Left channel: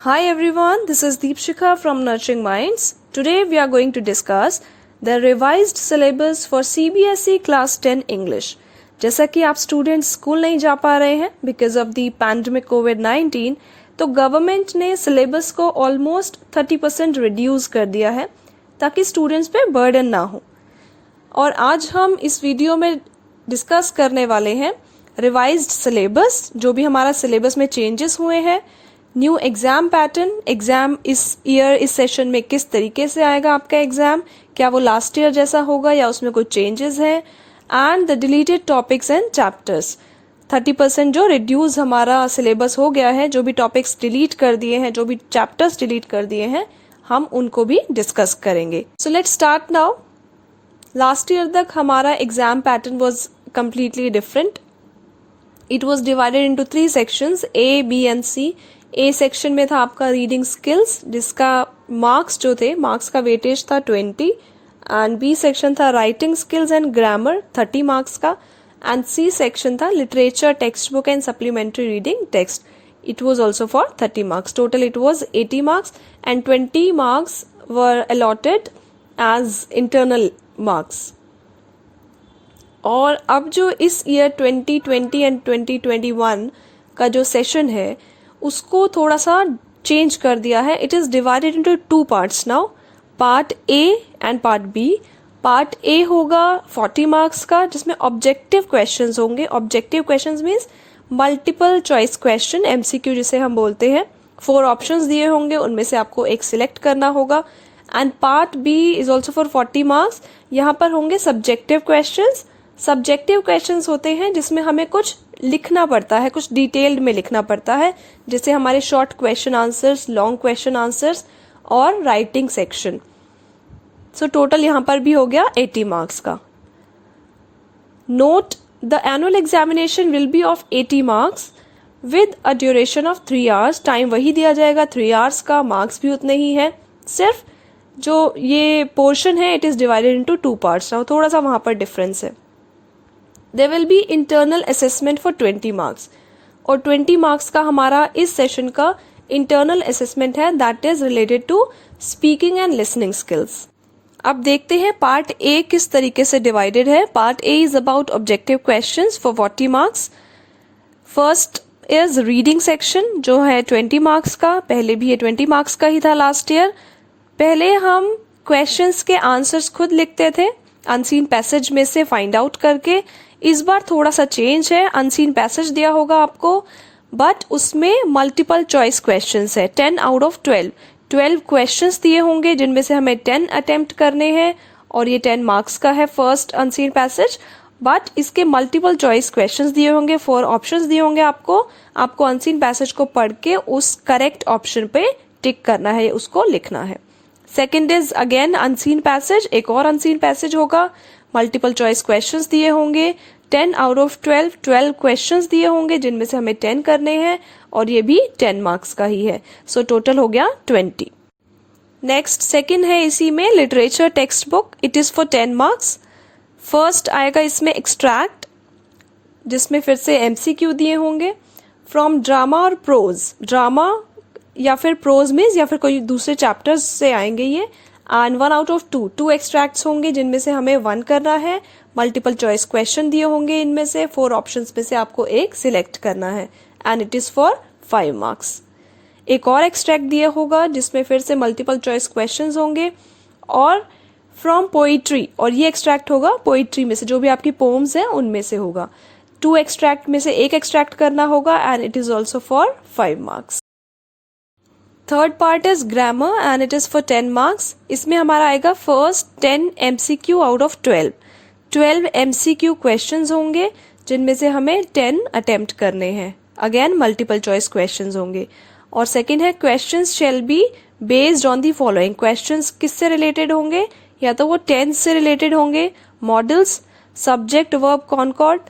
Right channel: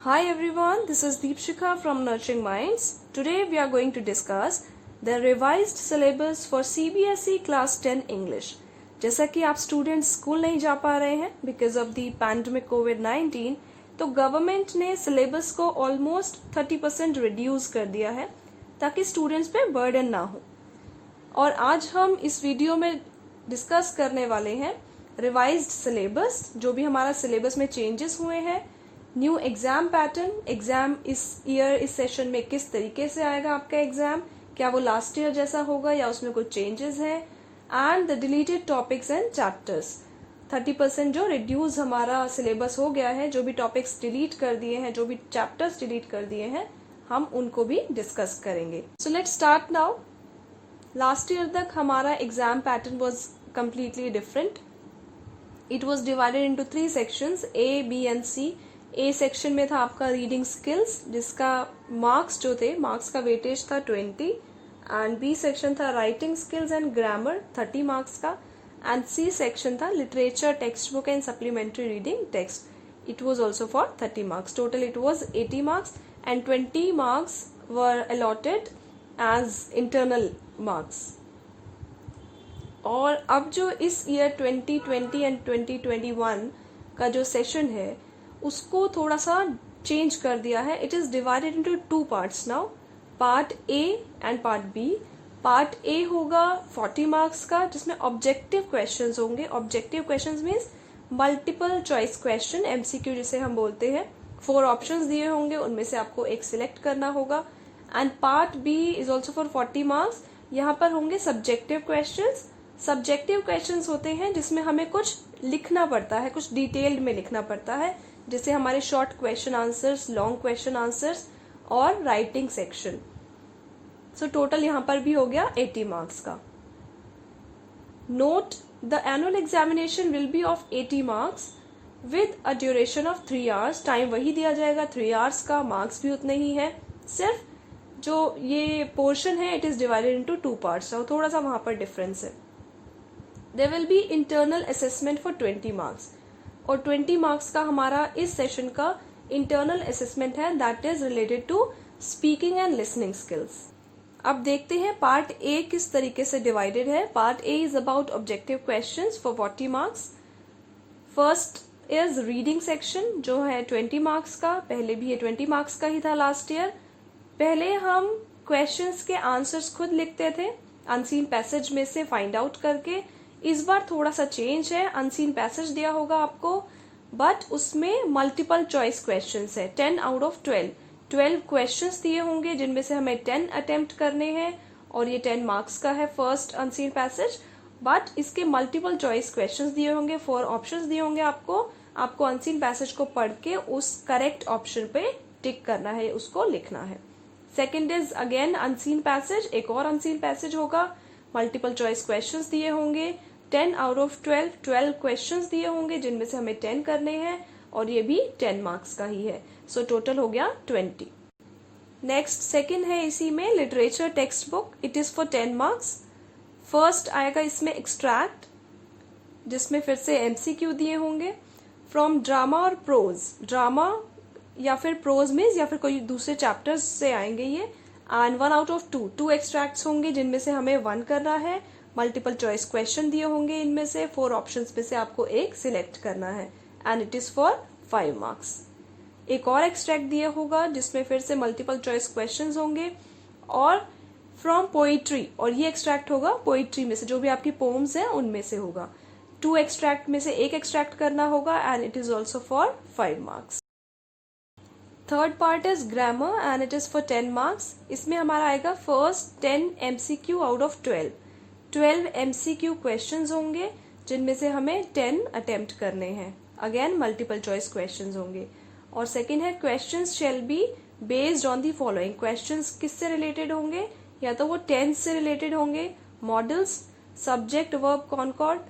Hi everyone, this is Deepshikha from Nurturing Minds. Today we are going to discuss the revised syllabus for CBSE Class 10 English. जैसा कि आप students school नहीं जा पा रहे हैं बिकॉज ऑफ द पैंडमिक कोविड-19, तो गवर्नमेंट ने सिलेबस को ऑलमोस्ट 30% रिड्यूस कर दिया है ताकि स्टूडेंट्स पे बर्डन ना हो। और आज हम इस वीडियो में डिस्कस करने वाले हैं रिवाइज्ड सिलेबस, जो भी हमारा सिलेबस में चेंजेस हुए हैं, न्यू एग्जाम पैटर्न, एग्जाम इस ईयर इस सेशन में किस तरीके से आएगा आपका एग्जाम, क्या वो लास्ट ईयर जैसा होगा या उसमें कोई चेंजेस है, and the deleted topics and chapters. 30% जो रिड्यूस हमारा सिलेबस हो गया है, जो भी टॉपिक्स डिलीट कर दिए हैं, जो भी चैप्टर्स डिलीट कर दिए हैं, हम उनको भी डिस्कस करेंगे। So let's start now. Last year तक हमारा exam pattern was completely different. It was divided into 3 sections, A, B and C। A section में था आपका रीडिंग स्किल्स, जिसका मार्क्स जो थे, मार्क्स का वेटेज था 20, एंड बी सेक्शन था writing skills and grammar 30 marks का, एंड सी सेक्शन था literature, text book and supplementary reading text. It was also for 30 marks. Total it was 80 marks and 20 marks were allotted as internal marks. और अब जो इस year 2020 and 2021 का जो session है उसको थोड़ा सा चेंज कर दिया है। It is divided into 2 parts now, part A and part B. Part A होगा 40 मार्क्स का, जिसमें ऑब्जेक्टिव क्वेश्चंस होंगे। Objective questions means multiple choice question, MCQ जिसे हम बोलते हैं। 4 ऑप्शंस दिए होंगे, उनमें से आपको एक सिलेक्ट करना होगा। And part B is also for 40 marks. यहाँ पर होंगे सब्जेक्टिव क्वेश्चंस। सब्जेक्टिव क्वेश्चंस होते हैं जिसमें हमें कुछ लिखना पड़ता है, कुछ डिटेल्ड में लिखना पड़ता है, जैसे हमारे short question answers, long question answers और राइटिंग सेक्शन। सो टोटल यहाँ पर भी हो गया 80 मार्क्स का। Note, the annual examination will be of 80 marks with a duration of 3 hours. Time वही दिया जाएगा 3 आवर्स का, मार्क्स भी उतने ही है। सिर्फ जो ये पोर्शन है it is divided into 2 parts. थोड़ा सा वहां पर डिफरेंस है। There will be internal assessment for 20 marks, और 20 मार्क्स का हमारा इस सेशन का इंटरनल असेसमेंट है, that is related to speaking and listening skills. अब देखते हैं पार्ट ए किस तरीके से डिवाइडेड है। Part A is about objective questions for 40 marks. First is reading section, जो है 20 मार्क्स का। पहले भी ये 20 मार्क्स का ही था लास्ट ईयर। पहले हम क्वेश्चंस के आंसर्स खुद लिखते थे अनसीन पैसेज में से फाइंड आउट करके। इस बार थोड़ा सा चेंज है, अनसीन पैसेज दिया होगा आपको, बट उसमें मल्टीपल चॉइस क्वेश्चंस है। 10 आउट ऑफ 12 क्वेश्चंस दिए होंगे, जिनमें से हमें 10 अटेम्प्ट करने हैं, और ये 10 मार्क्स का है फर्स्ट अनसीन पैसेज। बट इसके मल्टीपल चॉइस क्वेश्चंस दिए होंगे, 4 ऑप्शंस दिए होंगे आपको अनसीन पैसेज को पढ़ के उस करेक्ट ऑप्शन पे टिक करना है, उसको लिखना है। Second is again unseen passage, एक और अनसीन पैसेज होगा, मल्टीपल चॉइस क्वेश्चंस दिए होंगे। 10 आउट ऑफ 12 क्वेश्चंस दिए होंगे, जिनमें से हमें 10 करने हैं, और ये भी 10 मार्क्स का ही है। सो टोटल हो गया 20। नेक्स्ट सेकंड है इसी में literature text book, it is for 10 marks. First आएगा इसमें एक्सट्रैक्ट, जिसमें फिर से एमसीक्यू दिए होंगे फ्रॉम ड्रामा और प्रोज। ड्रामा या फिर प्रोज मीन्स या फिर कोई दूसरे चैप्टर्स से आएंगे ये। एंड 1 आउट ऑफ 2 एक्सट्रैक्ट्स होंगे, जिनमें से हमें 1 करना है। मल्टीपल चॉइस क्वेश्चन दिए होंगे, इनमें से 4 ऑप्शंस में से आपको एक सिलेक्ट करना है, and it is for 5 marks. एक और एक्सट्रैक्ट दिया होगा, जिसमें फिर से मल्टीपल चॉइस क्वेश्चंस होंगे, और फ्रॉम पोइट्री, और ये एक्सट्रैक्ट होगा पोइट्री में से, जो भी आपकी पोम्स हैं उनमें से होगा। 2 एक्सट्रैक्ट में से एक एक्सट्रैक्ट करना होगा, and it is also for 5 marks. Third part is grammar and it is for 10 marks. इसमें हमारा आएगा first 10 MCQ out of 12 MCQ questions होंगे, जिनमें से हमें 10 अटेम्प्ट करने हैं। अगेन मल्टीपल चॉइस क्वेश्चंस होंगे। और सेकंड है questions shall be based on the following. Questions किससे रिलेटेड होंगे, या तो वो टेंस से रिलेटेड होंगे, modals, subject verb concord,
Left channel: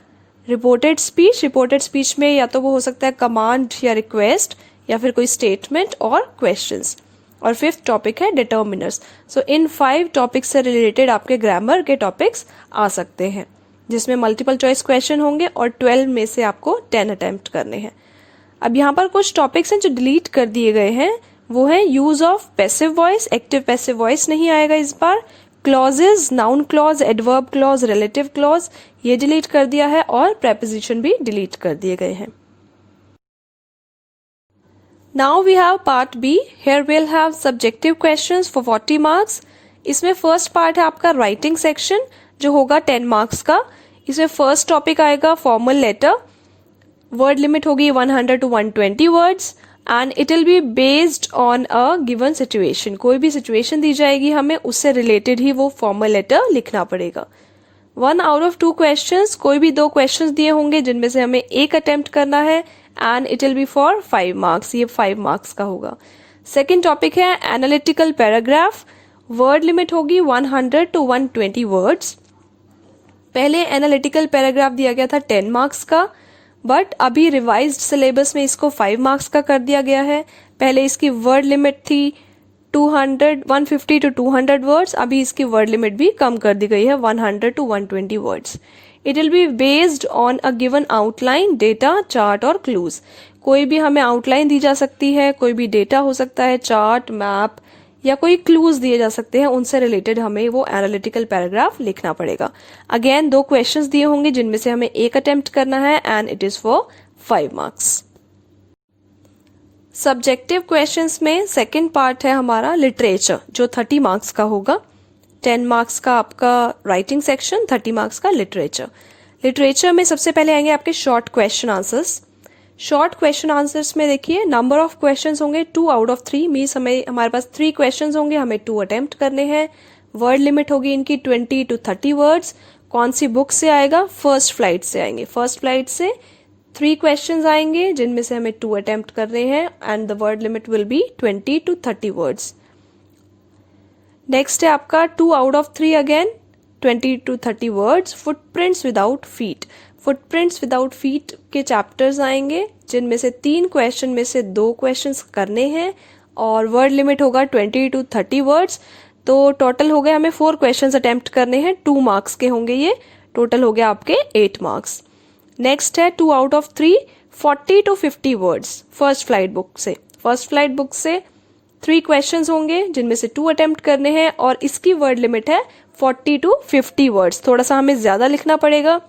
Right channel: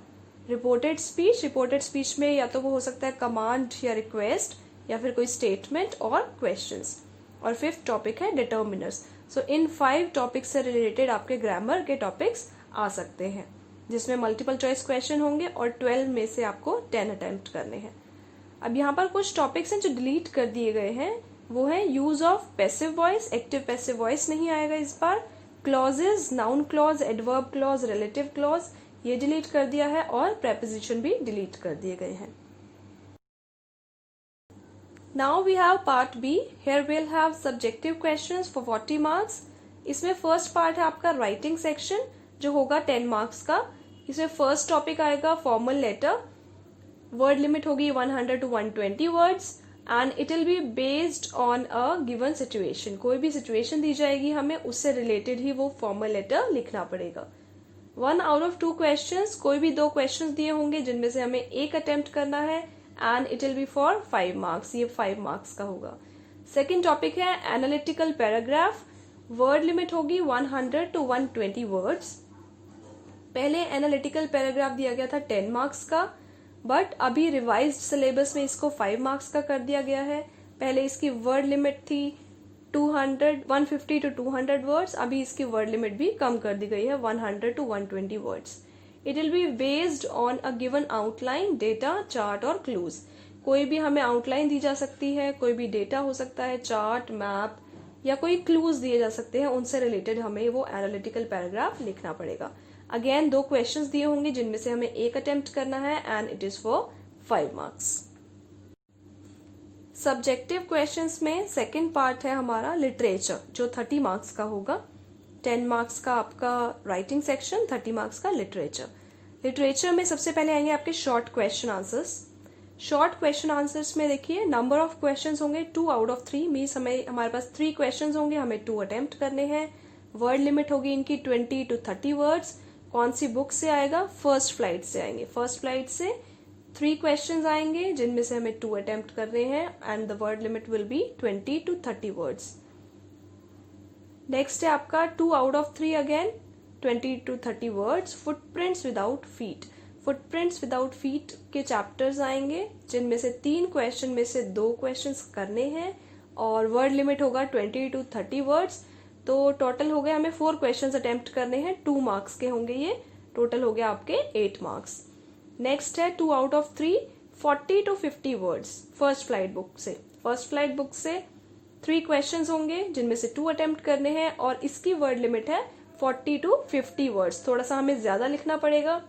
reported speech में या तो वो हो सकता है कमांड या रिक्वेस्ट, या फिर कोई स्टेटमेंट और क्वेश्चंस। और फिफ्थ टॉपिक है डिटर्मिनर्स। सो इन 5 टॉपिक्स से रिलेटेड आपके ग्रामर के टॉपिक्स आ सकते हैं, जिसमें मल्टीपल चॉइस क्वेश्चन होंगे, और 12 में से आपको 10 अटेम्प्ट करने हैं। अब यहाँ पर कुछ टॉपिक्स हैं जो डिलीट कर दिए गए हैं, वो है use of passive voice, active passive voice नहीं आएगा इस बार, clauses, noun clause, adverb clause, relative clause ये डिलीट कर दिया है, और प्रेपोजिशन भी डिलीट कर दिए गए हैं। Now we have part B, here we'll have subjective questions for 40 marks। इसमें फर्स्ट पार्ट है आपका राइटिंग सेक्शन जो होगा 10 मार्क्स का। इसमें फर्स्ट टॉपिक आएगा फॉर्मल लेटर, वर्ड लिमिट होगी 100 to 120 words and it will be based on a given situation. कोई भी सिचुएशन दी जाएगी हमें, उससे रिलेटेड ही वो फॉर्मल लेटर लिखना पड़ेगा। 1 out of 2 क्वेश्चंस, कोई भी 2 क्वेश्चंस दिए होंगे जिनमें से हमें एक अटेम्प्ट करना है and it will be for 5 marks, ये 5 मार्क्स का होगा। सेकेंड टॉपिक है एनालिटिकल पैराग्राफ, वर्ड लिमिट होगी 100 to 120 वर्ड्स। पहले एनालिटिकल पैराग्राफ दिया गया था 10 मार्क्स का, बट अभी रिवाइज्ड सिलेबस में इसको 5 मार्क्स का कर दिया गया है। पहले इसकी वर्ड लिमिट थी 150 to 200 वर्ड्स, अभी इसकी वर्ड लिमिट भी कम कर दी गई है 100 to 120 words. It will be based on a given outline, data, chart और क्लूज। कोई भी हमें आउटलाइन दी जा सकती है, कोई भी डेटा हो सकता है, चार्ट, मैप या कोई क्लूज दिए जा सकते हैं, उनसे रिलेटेड हमें वो एनालिटिकल पैराग्राफ लिखना पड़ेगा। अगेन 2 क्वेश्चंस दिए होंगे जिनमें से हमें एक अटेम्प्ट करना है and it is for 5 marks. Subjective questions में सेकंड पार्ट है हमारा लिटरेचर जो 30 मार्क्स का होगा। 10 मार्क्स का आपका राइटिंग सेक्शन, 30 मार्क्स का लिटरेचर। लिटरेचर में सबसे पहले आएंगे आपके short question answers. Short question answers में देखिए नंबर ऑफ क्वेश्चंस होंगे 2 out of 3, मीन्स हमारे पास 3 क्वेश्चंस होंगे, हमें 2 अटेम्प्ट करने हैं। वर्ड लिमिट होगी इनकी 20 to 30 वर्ड्स। कौन सी बुक से आएगा? फर्स्ट फ्लाइट से आएंगे। फर्स्ट फ्लाइट से 3 क्वेश्चंस आएंगे जिनमें से हमें 2 अटेम्प्ट करने हैं and the word limit will be 20 to 30 words. Next है आपका 2 out of 3 again 20 to 30 words, footprints without feet. Footprints without feet के चैप्टर्स आएंगे जिनमें से 3 क्वेश्चन में से 2 क्वेश्चंस करने हैं और वर्ड लिमिट होगा 20 to 30 वर्ड्स। तो टोटल हो गए हमें 4 क्वेश्चंस अटेम्प्ट करने हैं, 2 मार्क्स के होंगे ये, टोटल हो गया आपके 8 मार्क्स। नेक्स्ट है 2 out of 3 40 to 50 words, first flight book से। फर्स्ट फ्लाइट बुक से 3 क्वेश्चंस होंगे जिनमें से 2 अटेम्प्ट करने हैं और इसकी वर्ड लिमिट है 40 to 50 वर्ड्स, थोड़ा सा हमें ज्यादा लिखना पड़ेगा।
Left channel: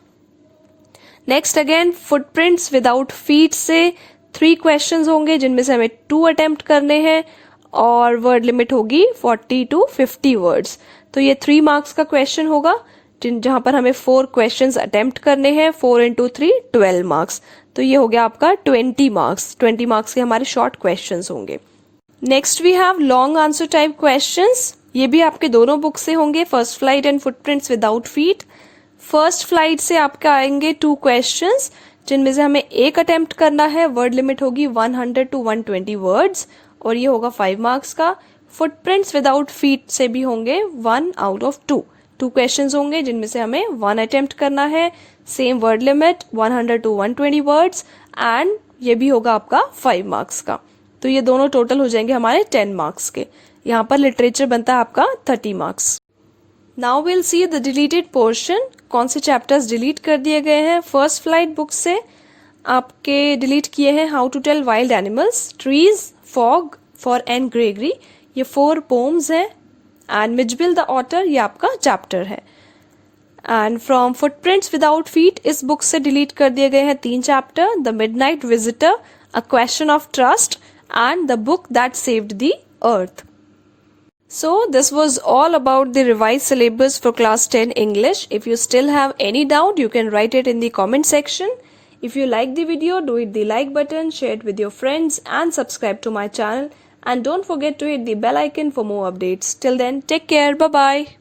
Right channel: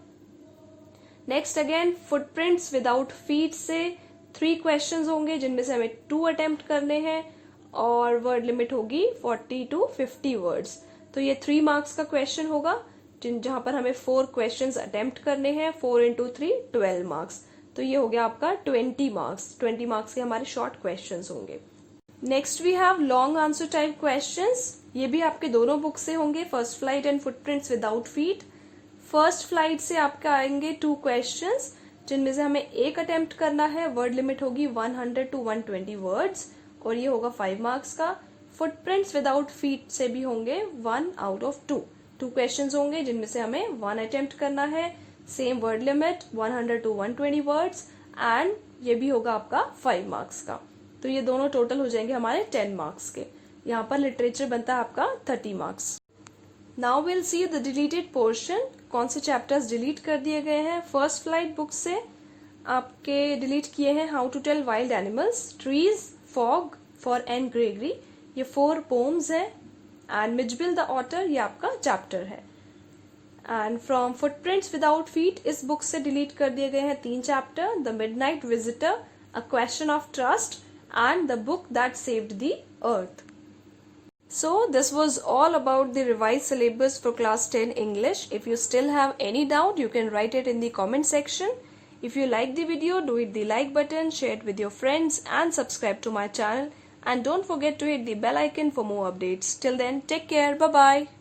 Next again footprints without feet से 3 क्वेश्चंस होंगे जिनमें से हमें 2 अटेम्प्ट करने हैं और वर्ड लिमिट होगी 40 to 50 वर्ड्स। तो ये 3 मार्क्स का क्वेश्चन होगा जहां पर हमें 4 क्वेश्चंस अटेम्प्ट करने हैं, 4 into 3 12 मार्क्स। तो ये हो गया आपका 20 मार्क्स। 20 मार्क्स के हमारे शॉर्ट क्वेश्चंस होंगे। Next we have long answer type questions. ये भी आपके दोनों बुक से होंगे, first flight and footprints without feet. First flight से आपके आएंगे 2 क्वेश्चंस जिनमें से हमें एक अटेम्प्ट करना है, वर्ड लिमिट होगी 100 to 120 वर्ड्स और ये होगा 5 मार्क्स का। फुटप्रिंट्स विदाउट फीट से भी होंगे 1 out of 2, 2 क्वेश्चंस होंगे जिनमें से हमें 1 अटेम्प्ट करना है, same word limit 100 to 120 words and ये भी होगा आपका 5 मार्क्स का। तो ये दोनों टोटल हो जाएंगे हमारे 10 मार्क्स के। यहाँ पर लिटरेचर बनता है आपका 30 marks. Now will see the deleted portion, कौन से चैप्टर्स डिलीट कर दिए गए हैं। फर्स्ट फ्लाइट बुक से आपके डिलीट किए हैं how to tell wild animals, trees, fog, for Anne Gregory, ये 4 पोम्स हैं एंड मिजबिल द ऑटर ये आपका चैप्टर है। And from footprints without feet इस बुक से डिलीट कर दिए गए हैं 3 chapter, the midnight visitor, a question of trust and the book that saved the earth. So this was all about the revised syllabus for class 10 English. If you still have any doubt, you can write it in the comment section. If you like the video, do hit the like button, share it with your friends and subscribe to my channel. And don't forget to hit the bell icon for more updates. Till then, take care. Bye-bye.